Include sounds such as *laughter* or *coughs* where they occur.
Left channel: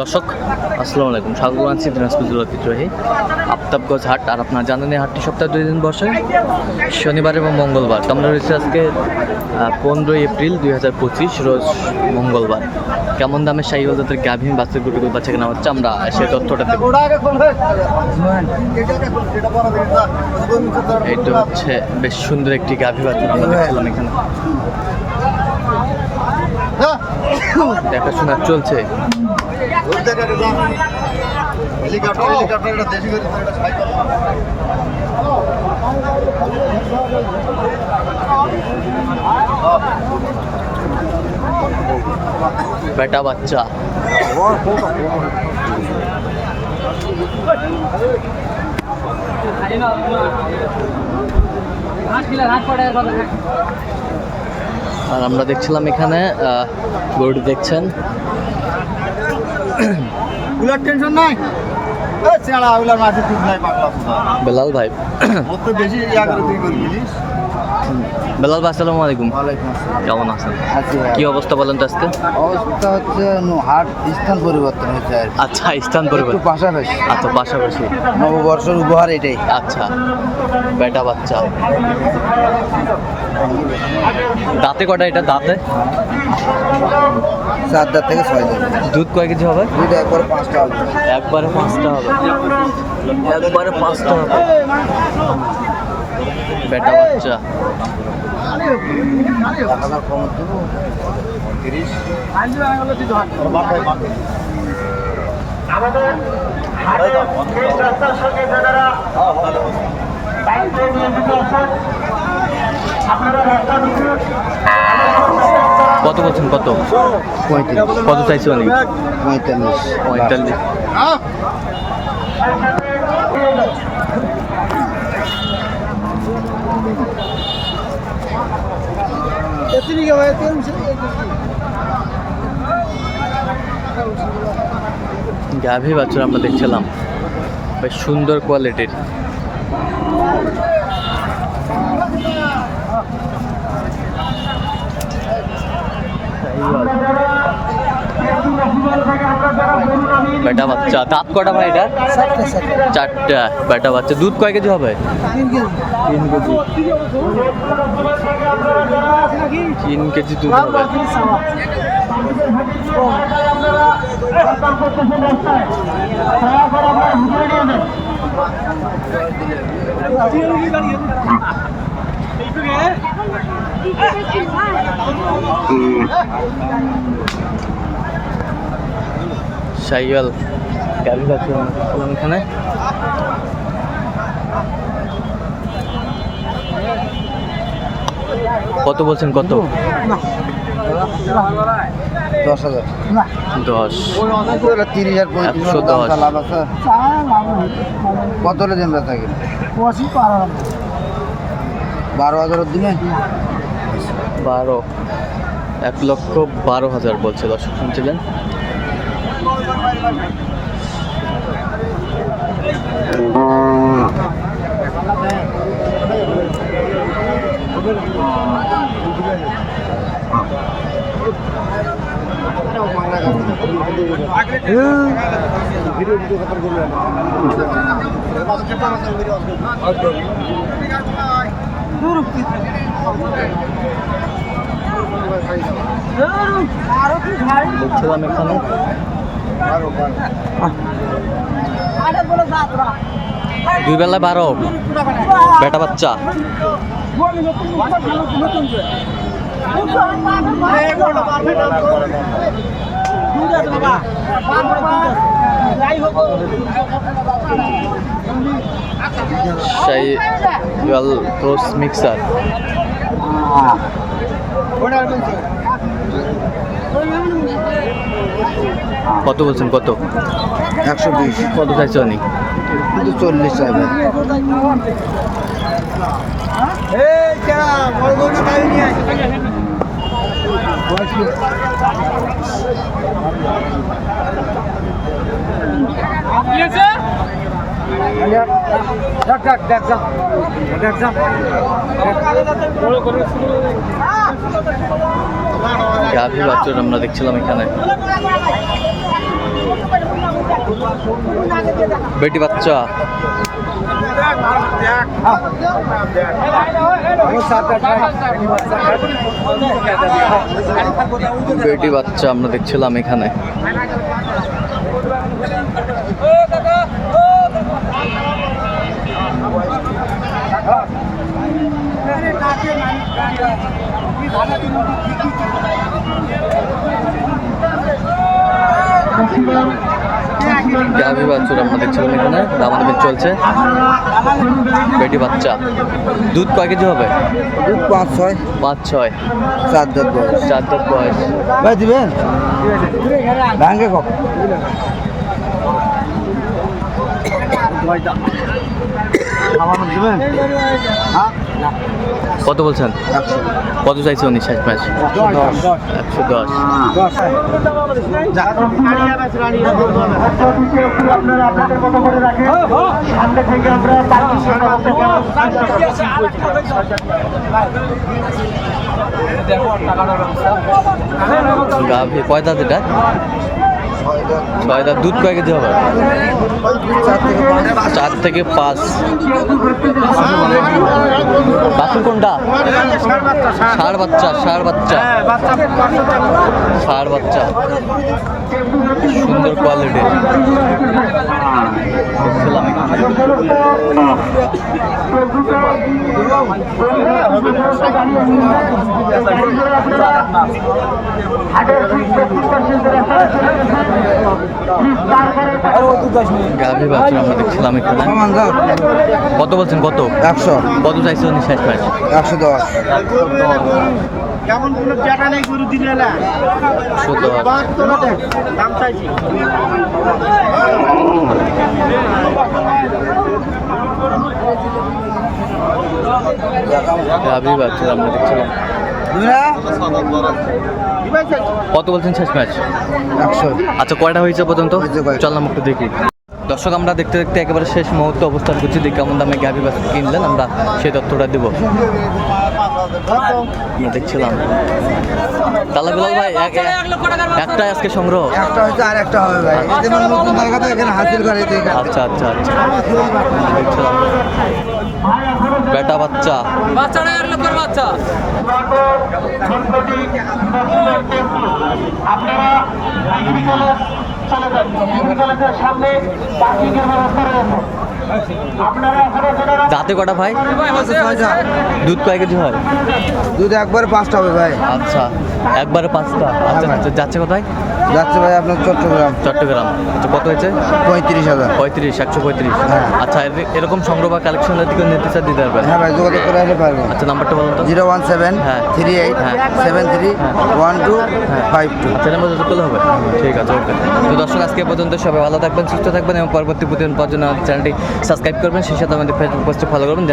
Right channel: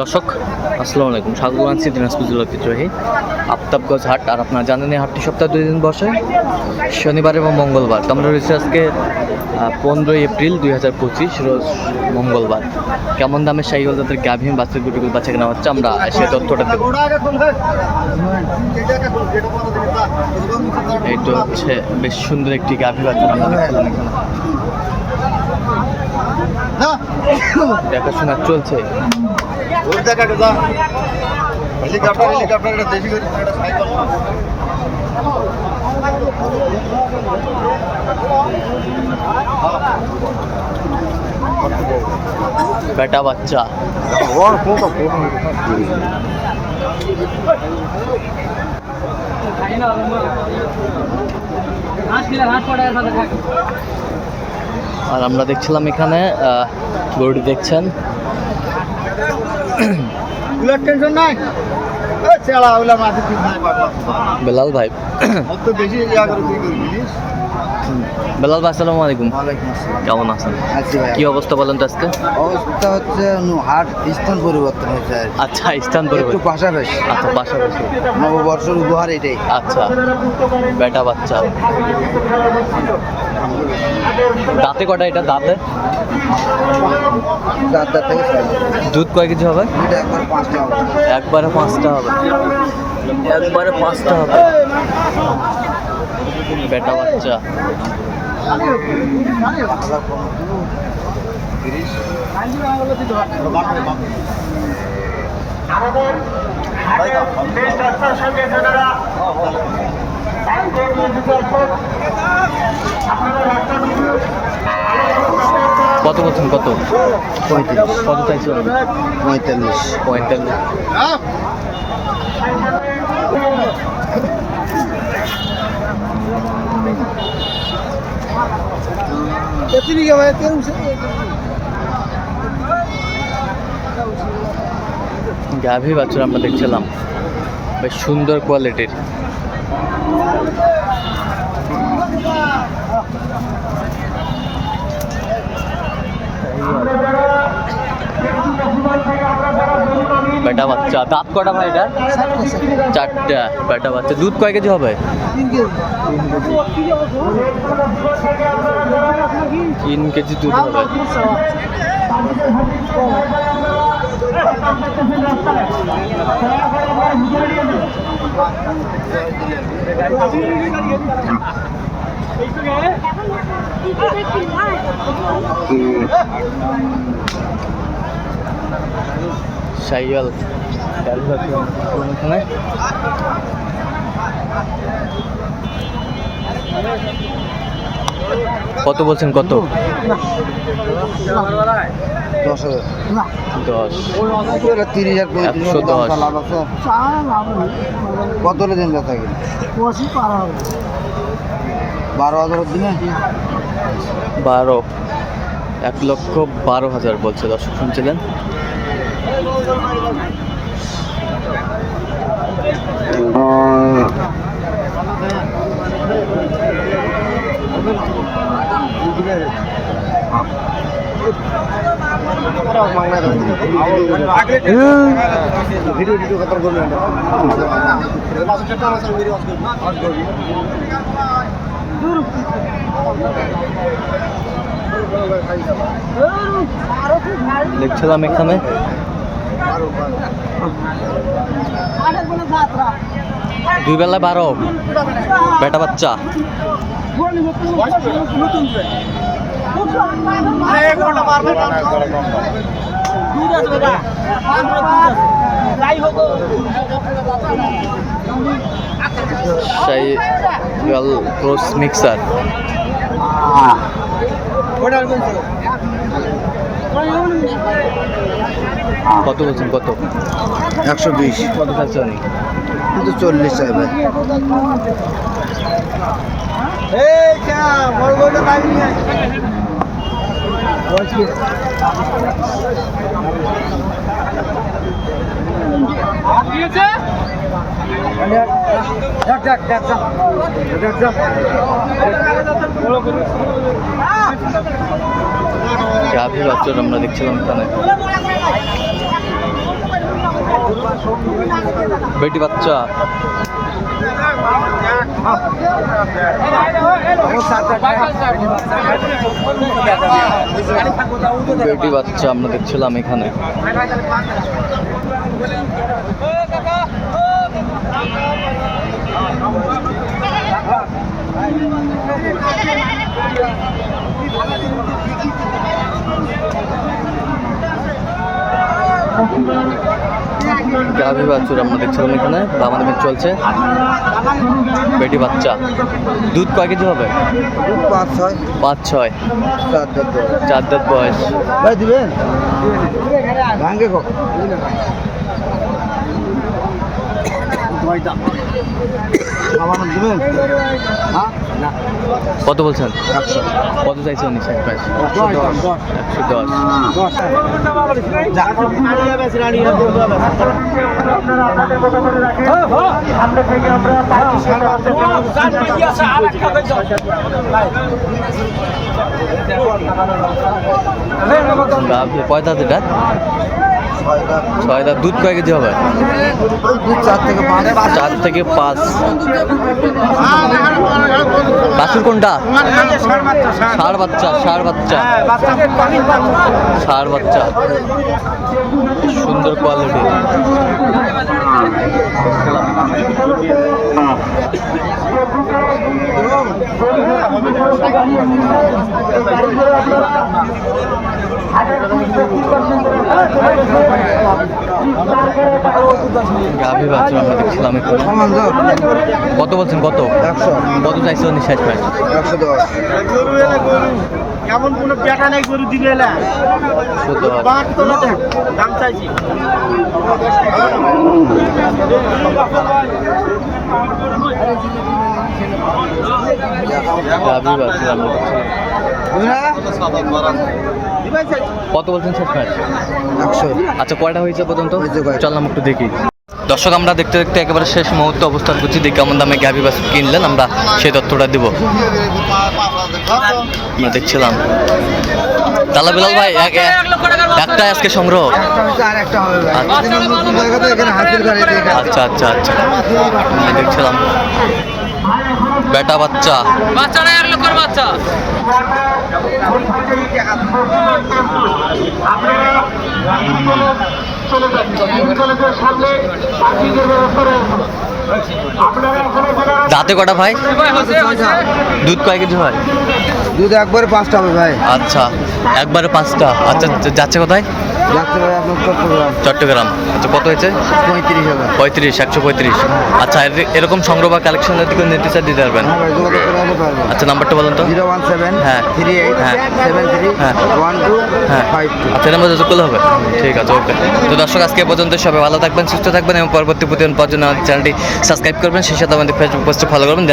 দর্শক, আসসালামু আলাইকুম। স্বাগত জানাচ্ছি দিনাজপুর জেলা ঐতিহ্যবাহী আফতাবগঞ্জ হাট। আর আপনারা জানেন, এই হাটটি সপ্তাহে দুই দিন বসে, শনিবার এবং মঙ্গলবার। তো আমরা রয়েছে আজকে পনেরোই এপ্রিল দুই হাজার পঁচিশ, রোজ মঙ্গলবার। কেমন দামে সাইকেল যাদের গাভীন বাচ্চা গুটিগুলো বাচ্চা কেনা হচ্ছে, আমরা সেই তথ্যটা দেবো। এইটা হচ্ছে, বেশ সুন্দর একটি গাভী বাচ্চা আমরা দেখছিলাম এখানে। দেখাশোনা চলছে। হেলিকপ্টার হেলিকপ্টার দেশি করে, এটা সাইকেল না। বেটা বাচ্চা। আর আমরা দেখছিলাম এখানে গরুটি দেখছেন। *coughs* উলার টেনশন নাই? চেলা উলার মাঝে ঠিক নাই পাগলা। বেলাল ভাই। তো বেশি বেলাল ভাই আসসালামু আলাইকুম। কেমন আছেন? আছি কি অবস্থা বলেন তো আজকে? অবস্থা হচ্ছে হাট স্থান পরিবর্তন হয়েছে আচ্ছা স্থান পরিবর্তন। পাশাপাশি। আচ্ছা পাশাপাশি। নববর্ষের উপহার এটাই। আচ্ছা বেটা বাচ্চা। দাঁতে কটা এটা দাঁতে? চারটা থেকে ছয় দুধ কয় কেজি হবে? দুইটা একবার পাঁচটা হবে। একবারে পাঁচটা হবে। একবারে পাঁচটা হবে। বেটা বাচ্চা। তিরিশ। কত বলছেন কত? পঁয়ত্রিশ কত চাইছো অনেক পঁয়তাল্লিশ। পঁয়তাল্লিশ। গাভী বাছুর আমরা দেখছিলাম। বেশ সুন্দর কোয়ালিটির বেটা বাচ্চা। দাঁত কটা ভাই এটা চারটা বেটা বাচ্চা। দুধ কয় কেজি হবে? তিন কেজি। দুধ হবে। সাইকেল গাড়ি যাচ্ছে আমরা দেখছিলাম এখানে। কত বলছেন কত? দশ হাজার। দশ। তিরিশ পঁয়ত্রিশ একশো দশ। কত দিন বারো দিনে বারো। এক লক্ষ বারো হাজার বলছে দর্শক শুনছিলেন। দেখছিলাম এখানে। দুই বেলা বারো। বেটা বাচ্চা। Cross mixer. কত বলছেন কত? একশো বিশ। কত চাইছো অনেক কিন্তু চল্লিশ চাই ভাই গাভী আমরা দেখছিলাম এখানে। বেটি বাচ্চা। বেটি বাচ্চা আমরা দেখছিলাম এখানে। গাভী বাছুর আমরা দেখছিলাম এখানে দামাদামি চলছে। বেটি বাচ্চা। দুধ কয় কেজি হবে? পাঁচ ছয়। পাঁচ ছয়। চার দশ চার দাঁত বয়স। ভাই দিবেন? ভাঙ্গে দিবেন? হ্যাঁ। না। কত বলছেন? কত চাইছে উনি শেষ মাস একশো দশ। গাভী কয় দাঁত এটা? ছয় দুধ কয় কেজি হবে? চার থেকে পাঁচ। বাসুর কোনটা? ষাড় বাচ্চা ষাড় বাচ্চা। ষাড় বাচ্চা। সুন্দর কোয়ালিটি গাভী বাছুর আমরা দেখছিলাম এখানে কত বলছেন কত? একশো। কত চাইছে উনি শেষ প্রাইস একশো দশ। কেমন কোনো পেটা নেই গরু দিলে দাম চাইছি গাভী বাছুর আমরা দেখছিলাম কত বলছেন শেষ ম্যাচ? আচ্ছা কয়টা হয়েছে পর্যন্ত। চললাম একটু দেখি। দর্শক আমরা দেখতে দেখতে একেবারে শেষ মুহূর্তে অবস্থান করছি। দেখি কেমন দামে গাভী বাছুর কিনলেন আমরা সেই তথ্যটা দিব। আমরা দেখছিলাম। তালা বিলাল ভাই এক এক- একটা আজকে সংগ্রহ। আচ্ছা। আচ্ছা আচ্ছা আচ্ছা। দেখছিলাম। বেটা বাচ্চা। বাচ্চারা এক লক্ষের বাচ্চা। দাঁতে কটা ভাই? দুধ কয় কেজি হয়? দুধ একবারে পাঁচটা হবে ভাই। আচ্ছা একবারে পাঁচটা। আচ্ছা আচ্ছা, যাচ্ছে কোথায়? যাচ্ছে ভাই আপনার চট্টগ্রাম। চট্টগ্রাম। আচ্ছা কত হয়েছে? পঁয়ত্রিশ হাজার পঁয়ত্রিশ একশো পঁয়ত্রিশ। হ্যাঁ। আচ্ছা এরকম সংগ্রহ বা কালেকশনের দিকে নিতে চাই দিতে পারবেন? হ্যাঁ ভাই যোগাযোগ করে আসলে পারবেন। আচ্ছা নাম্বারটা বলুন তো। জিরো ওয়ান সেভেন হ্যাঁ। থ্রি এইট হ্যাঁ। সেভেন থ্রি হ্যাঁ। ওয়ান টু হ্যাঁ। Five two. আচ্ছা নাম্বার যোগাযোগ করলে হবে? ঠিক আছে ওকে। তো দর্শক আজকে পর্যন্ত সবাই ভালো থাকবেন সুস্থ থাকবেন এবং পরবর্তী প্রতিদিন আমাদের চ্যানেলটি সাবস্ক্রাইব করবেন। সেই সাথে আমাদের ফেসবুক পোস্টে ফলো করবেন।